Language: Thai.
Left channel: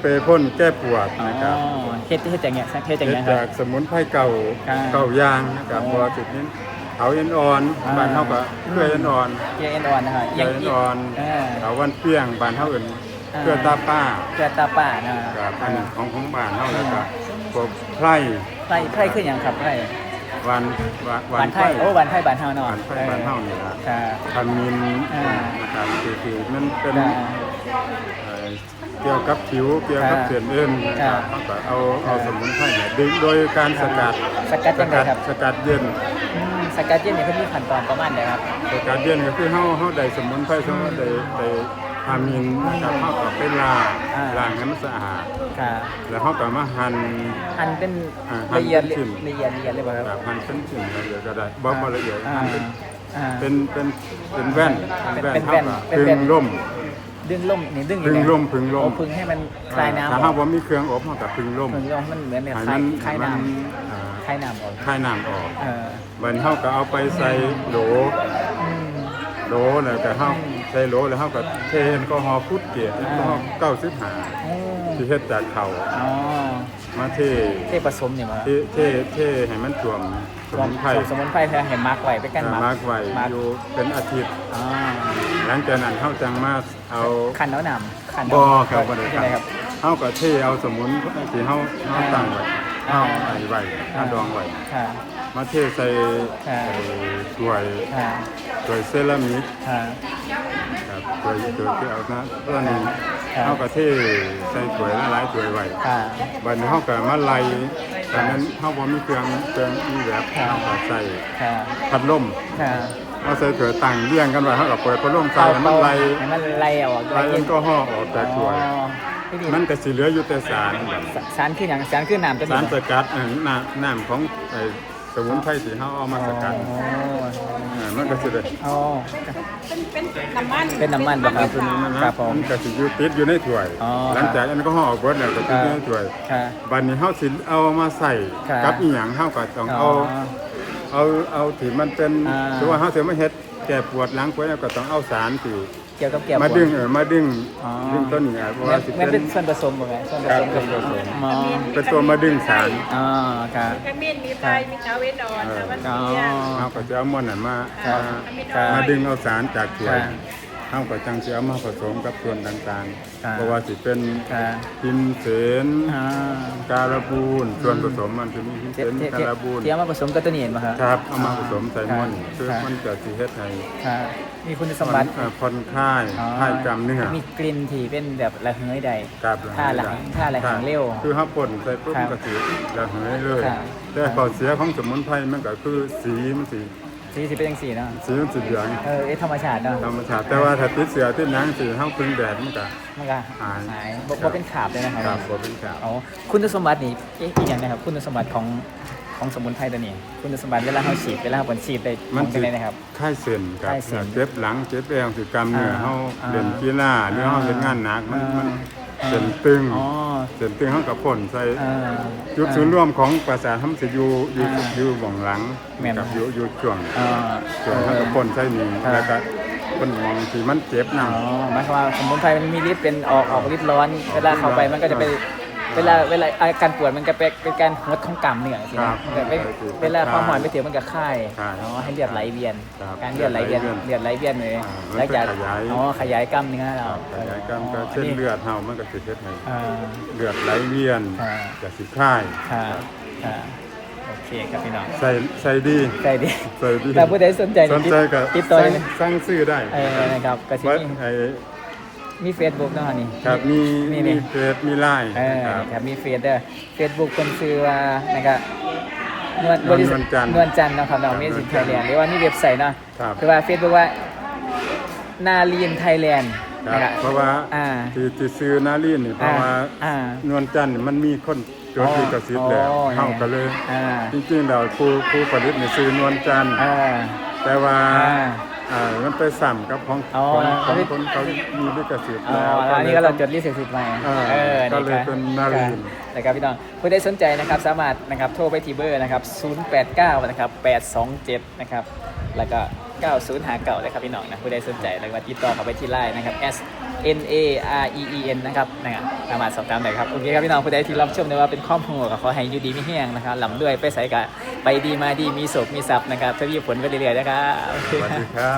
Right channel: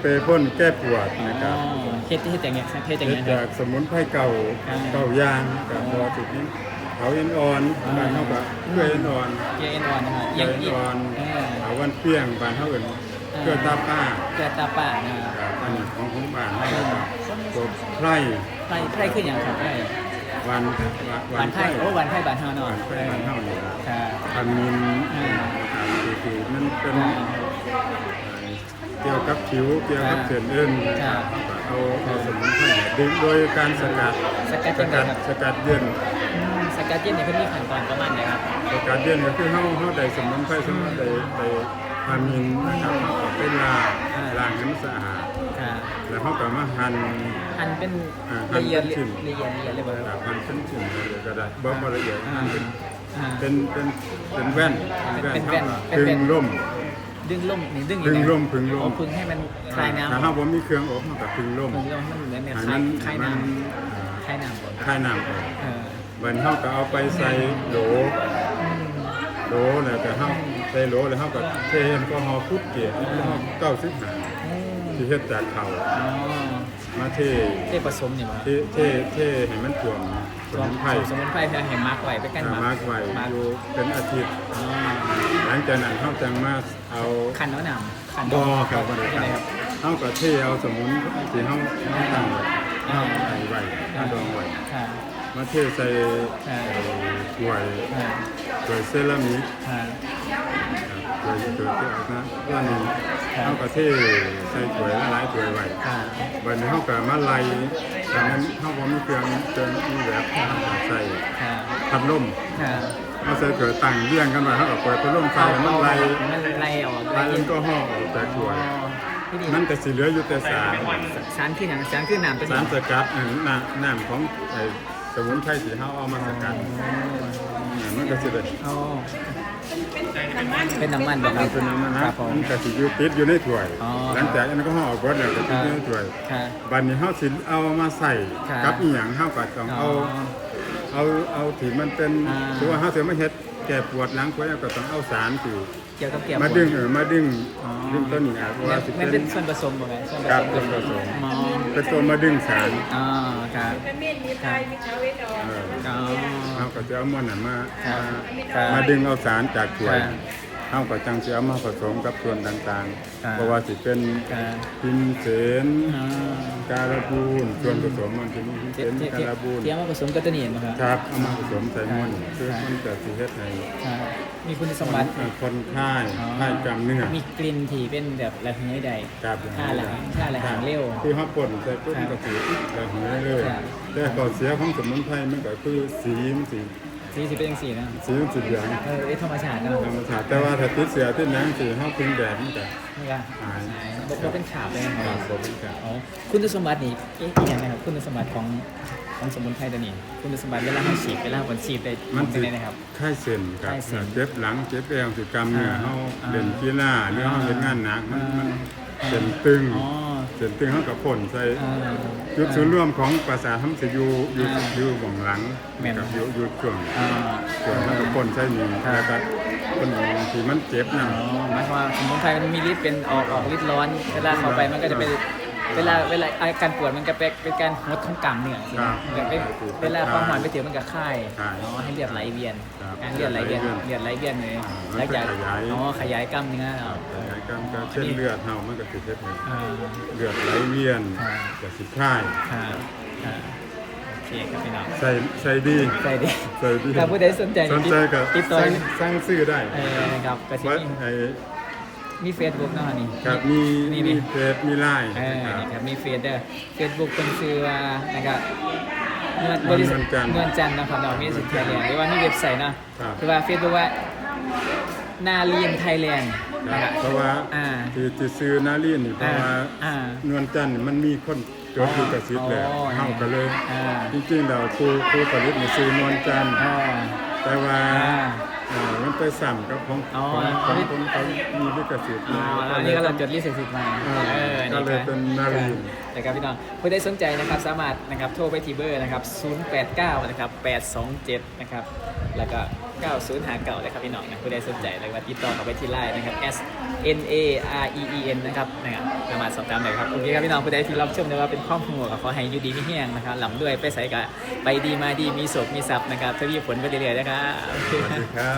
เปรย์พ่นแก้ปวดอ๋อนะครับเฮ็ดเฮ็ดจากเนี่ยเฮ็ดจากเฮ็ดเนี่ยคจารับ กสมุนไพรเก่าครับเก่ายางนะครับเพราะว่าจุดนี้เขาเอ็นอ่อนอ่า บานเฮาก็เกลือเอ็นอ่อนเกลือเอ็นอ่อนนะครับเกลือเอ็นอ่อนเออเขาวันเกลี้ยงบานเฮาเอิ้นอ่าเกลือตาป้าเกลือตาป่านะครับอันนี้ของของบ้านเฮาแล้วก็พวกไพรไข่ไข่คืออย่างครับไข่วันวันหวัวานนไพรไข่โอ้หวานไข่บานเฮาเนาะหวานไพรบ้านเฮานี่ล่ะครับคันมินอ่า นะครับคือๆมันเป็นอ่าเกี่ยว กับผิวเกี่ยวกับอ่าเส้นเอ็นอ่าเอาเอาสมุนไพรดึงโดยการสกัดสกัดจังไดครับสกัดเย็นอืมสกัดจิ้มนี่คือมีขั้นตอนประมาณใดครับสกัดเย็นก็คือเฮาเฮาได้สมุนไพรสมุนไพรได้ได้ทำมินเฮาเอาไปล้างอ่าล้างให้มันสะอาดครับแล้วเฮาก็มาหั่นหั่นเป็นอ่าหั่ละนเอียดเป็นชิ้นละเอียดละเอียดเลยบ่ครับหั่นเป็นชิ้นละเอียดก็ได้บ่บ่ละเอียดอ่าหั่นเป็นอ่าเป็นเป็นเป็นแว่นเป็นแว่นเป็นเฮาแว่นก็ดึงร่ม ดึงล่มหรือดึงดึงร่มดึงร่มเอาพึ่งให้มันคลายน้ำถ้าเฮาบ่มีเครื่องอบเฮาก็ดึงร่มเหมือนกับมันเหมือนแบบให้คลามัยนคลายมันน้ำคลายน้ำเลยคลายน้ำออกเออเหมือนเขาก็เอาไปใส่โหล อืมโหลเลยแต่เขาใส่โหลแล้วเขาก็เทแอลกอฮอล์พุดเกล็ดแล้วเขาเต้าซื้อหาโอ้ที่เฮ็ดจากเขาอ๋อมาเทเทผสมอยู่เนาะ เทเทเทให้มันท่วมสมุนไพรสมุนไพรแพงเห็นมาร์กไว้ไปกันมาร์กไว้มาอยู่เป็นอาทิตย์อ๋อ หลังจากนั้นเขาจังมาเอาขันแล้วนำขันบ่อครับบ่ได้ใช่ครับครับเขาก็เทเอาสมุนที่เขาเขาตั้งไว้เขาไว้ไว้เขาดองไว้ค่ะมาเทใส่อ่าเอ่อถ้วยค่ะถ้วยเซรามิกค่ะเคยเคยที่เอามาเพื่อนงครับเขาประเทศใส่ถ้วยหลายถ้วยไว้ค่ะบัดนี้เขาก็มาไล่แต่มันเขาบ่มีเครื่องเครื่องอีแบบเขาใส่ค่ะพัดลม ค่ะเขาใส่ถ้วยตั้งเรียงกันไว้เขาก็เปิดพัดลมใส่มันไล่มันไล่ออกไล่แอลกอฮอล์ออกจากถ้วยมันก็สิเหลืออยู่แต่สารสารที่หนังสารที่น้ำเป็นสารสกัดอันน้ำน้ำของไอ้สมุนไพรที่เขาเอามาสกัดอ่ามันก็สิได้อ๋อเป็นน้ำมันบ่คมัรันบเป็นมันคนะรับผมมันก็สิอยู่ติดอยู่ในถ้วยอ๋อหลังจากนั้นก็ห่อเบิดแล้วก็ติดอยู่ในถ้วยค่ะบัดนี้เฮาสิเอามาใส่ครับกับอีหยังเฮาก็ต้องอ๋อเอา เอาเอาที่มันเป็นอ่า ถือว่าเฮาสิมาเฮ็ดแก้ปวดหลังปวดแล้วก็ต้องเอาสารที่เกี่ยวกับเกี่ยวมาดึงเออมาดึงอ๋อดึงต้นนี้เพราะว่าสิมันเป็เป็นนส่วนผสมยังไงส่วนผครับสมส่วนผสมอ๋อเป็นตัวมาดึงสารอ๋อครับ ขมิ้นมีไทยมีคาเวดอนนะมันอ๋อเนี่ยเฮาก็จะเอามันนั้นมาครับมาครับมาดึงเอาสารจากถ้วยครับ เฮาก็จังสิเอามาผสมกับส่วนต่างครับๆเพราะว่าสิเป็นครับพิมเสนอ่าการบูนส่วนผสมมันจะมีพิมเทีเสยบนเทียบการบูนเทียบมาผสมกับตัวนี้เห็นไหมครับครับเอามาผสมใส่มันครับคือมันจะสิเฮ็ดให้ครับมีคุณสมบัติเอ่อผ่อนคลายอ๋อคลายกล้ามเนื้อมีกลิ่นที่เป็นแบบระเหยใดครับถ้าหลังถ้าหลังเร็วคือเฮาป่นใส่ปุ๊บครับมันก็สิระเหยเลยครับแต่ข้อเสียของสมุนไพรมันก็คือสีมันสิ สีที่เป็นจังสีเนาะสีมันสิเหลืองเออเอ้ยธรรมชาติเนาะธรรมชาติแต่ว่าถ้าติดเสียที่หนังสิเฮาพึ่งแดดมันก็มันก็หายหายบ่บ่เป็นขาบเลยนะคครัรับบบ่เป็นกาบอ๋อคุณสมบัตินี่เอ๊ะอีกอย่างนะครับคุณสมบัติของของสมุนไพรตัวนี้ คุณสมบัติเวลาให้ฉีดเวลาให้ผลฉีดได้มันเป็นไงนะครับคลายเส้นครับคลายเส้นเจ็บหลังเจ็บเอวคือกล้ามเนื้ออ่าเฮาอ่าเดินกีฬาหรือเฮาเฮ็ดงานหนักมันมันอ่า เส้นตึง อ๋อ เส้นตึงเฮาก็พ่นใส่เออ จุดศูนย์รวมของประสาททำสิอยู่อยู่อ่าอยู่หว่องหลังแม่นนะครับอยู่อยู่ช่วงเออช่วงเฮาก็พ่นใส่นี่ครับแล้วก็พ่นหมองที่มันเจ็บอ๋นะอหมายความว่าสมุนไพรมันมีฤทธิ์เป็นออกออกฤทธิ์ร้อนเวลาเข้าไปมันก็จะไป เวลาเวลาอาการปวดมันก็เป็นเป็นการลดทั้งกล้ามเนื้อใช่ไหมแบบเอ้ยเวลาความหอนไปเกิดมันจะคลายอ๋อให้เลือดไหลเวียนอ่าเลือดไหลเวียนเลือดไหลเวียนนี่แล้วจะอ๋อขยายกล้ามเนื้อเราการไปเส้นเลือดเฮามันก็สิเฮ็ดให้อ่า เลือดไหลเวียนอ่าก็สิคลายค่ะอ่าโอเคครับพี่น้องใส่ใส่ดีใจดี ใส่ดีแต่ผู้ใดสนใจสนใจก็ติดต่อ สั่งสั่งซื้อได้เอ่อดับกระไว้สิบไอ้ มีเฟซบุ๊กนะครับนี่ ครับมีนี่ มีนี่เฟซมีไลน์เออครับ ครับมีเฟซด้วยเฟซบุ๊กเป็นคือว่านะครับเงินบริษัทเงินจันทร์เงินจันทร์นะครับเรามีสิทธิ์ไทยแลนด์หรือว่ามีเว็บไซต์นะครับ คือว่าเฟซบุ๊กว่านาลีนไทยแลนด์ครันะบเพราะว่าอ่าที่ที่ซื้อนาลีนี่เพราะว่าอ่า นวลจันทร์มันมีคนจดลิขสิทธิ์แล้วอ๋อเฮาก็เลยอ่าจริงๆเราครูครูผลิตนี่ซื้อนวลจันทร์อ่าแต่ว่าอ่า เอ่อมันไปสั่นกับของอ๋อ ของของคนเขามีลิขสิทธิ์อ๋ออันนี้ก็เราจดลิขสิทธิ์มาเออก็เลยเป็นมารีน นะครับพี่น้องผู้ใดสนใจนะครับสามารถนะครับโทรไปที่เบอร์นะครับ 089 นะครับ 827 นะครับ แล้วก็ 90หาเก่าเลยครับพี่น้องนะผู้ใดสนใจเลยว่าติดต่อเข้าไปที่ไลน์นะครับ S N A R E E N นะครับนะครับสามารถสอบถามได้ครับโอเคครับพี่น้องผู้ใดที่รับชมในว่าเป็นข้อมูลขอให้อยู่ดีไม่แห้งนะครับหล่ำด้วยไปใส่กะไปดีมาดีมีโศกมีทรัพย์นะครับถ้ามีผลก็เรื่อยๆนะครับโอเคสวัสคดีรับครั